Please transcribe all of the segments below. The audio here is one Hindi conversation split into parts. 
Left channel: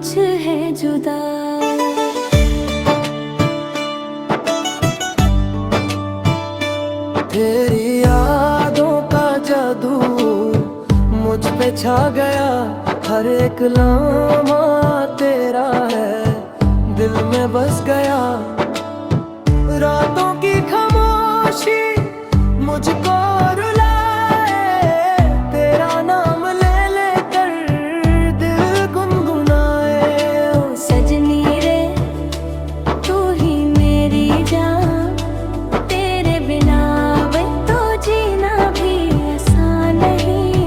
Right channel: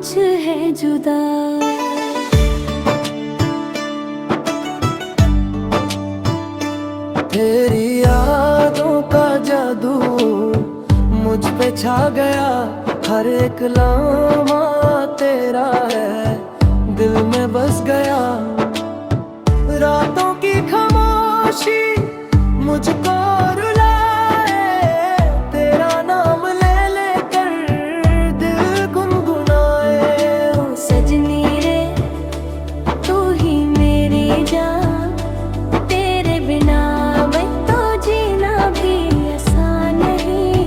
कुछ है जुदा। तेरी यादों का जादू मुझ पे छा गया, हर एक लम्हा तेरा है दिल में बस गया। रातों की खामोशी मुझको रुलाए, तेरा नाम ले लेकर दिल गुनगुनाए। ओ सजनी रे तू ही मेरी जान, तेरे बिना मैं तो जीना भी आसान नहीं।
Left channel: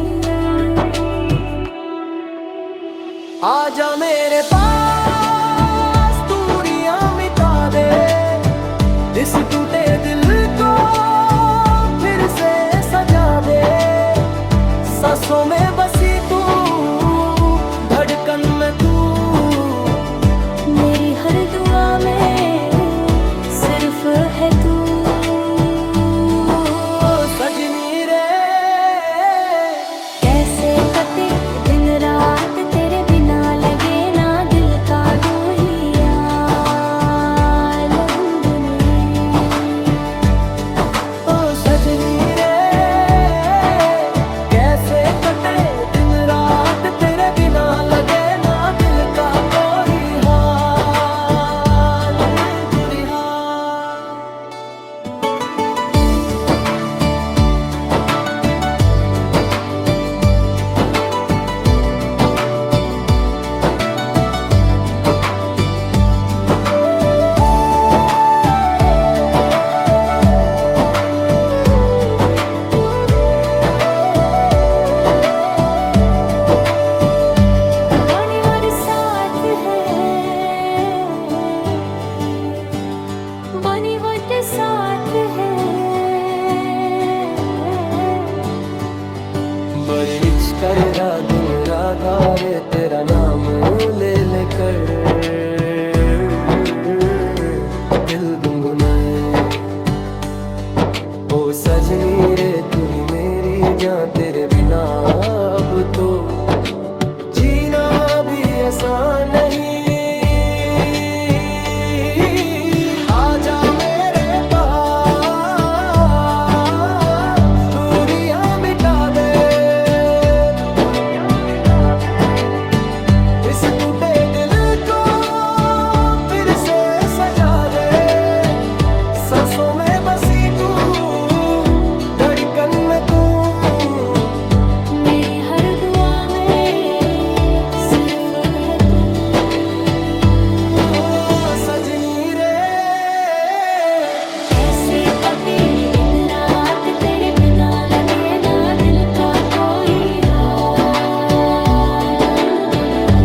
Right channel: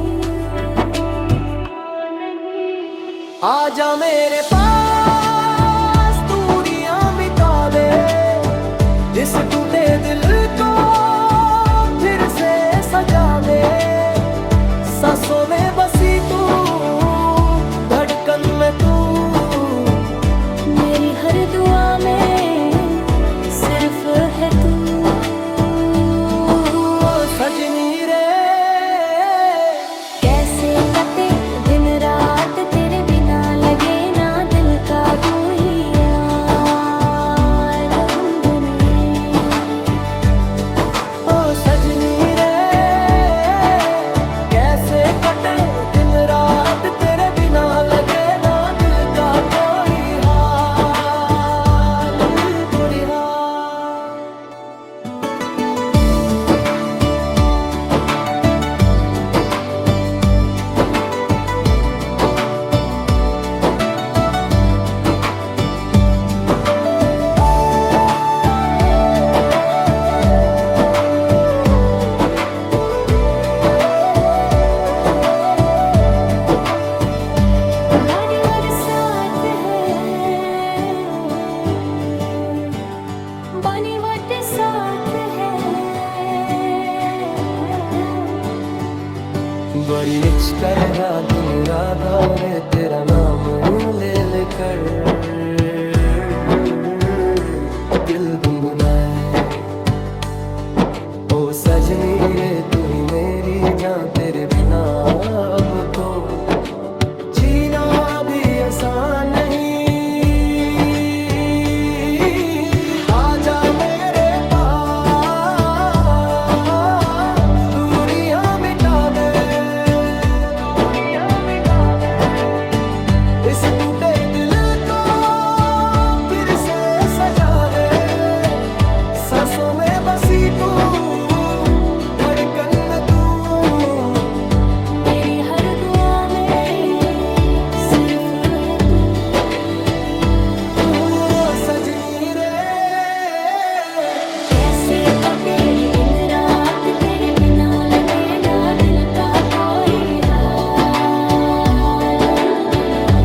आजा मेरे पास दूरियां मिटा दे, इस टूटे दिल को फिर से सजा दे। सांसों में बसी तू, धड़कन में तू, मेरी हर दुआ में सिर्फ है तू। सजनी रे कैसे कटे दिन रात तेरे बिना, लगे ना दिल का दुहिया गुनगुने। ओ सजनी रे कैसे कटे दिन रात तेरे बिना, लगे ना दिल का कोई हाल कोई हाल। बनी वट साथ है, बड़ी मिच कर रहा दिन राधा रे तेरा नाम ले लेकर दिल गुनगुनाए। ओ सजनी रे तू ही मेरी जान, तेरे बिना अब तो जीना भी आसान नहीं। आजा मेरे पास दूरियां मिटा दे, इस टूटे दिल को फिर से सजा दे। सांसों में बसी तू, धड़कन में तू, मेरी हर दुआ में सिर्फ है तू। सजनी रे कैसे कटे दिन रात तेरे बिना, लगे ना दिल का कोई हाल गुनगुना।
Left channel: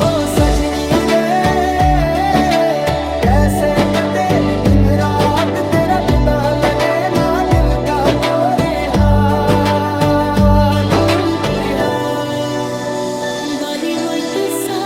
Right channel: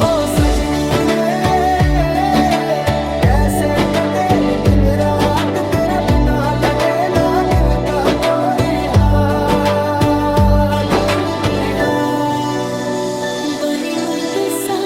ओ सजनी रे कैसे कटे दिन रात तेरा बिना, लगे ना दिल का कोई हाल कोई हाल। बनी मुझसे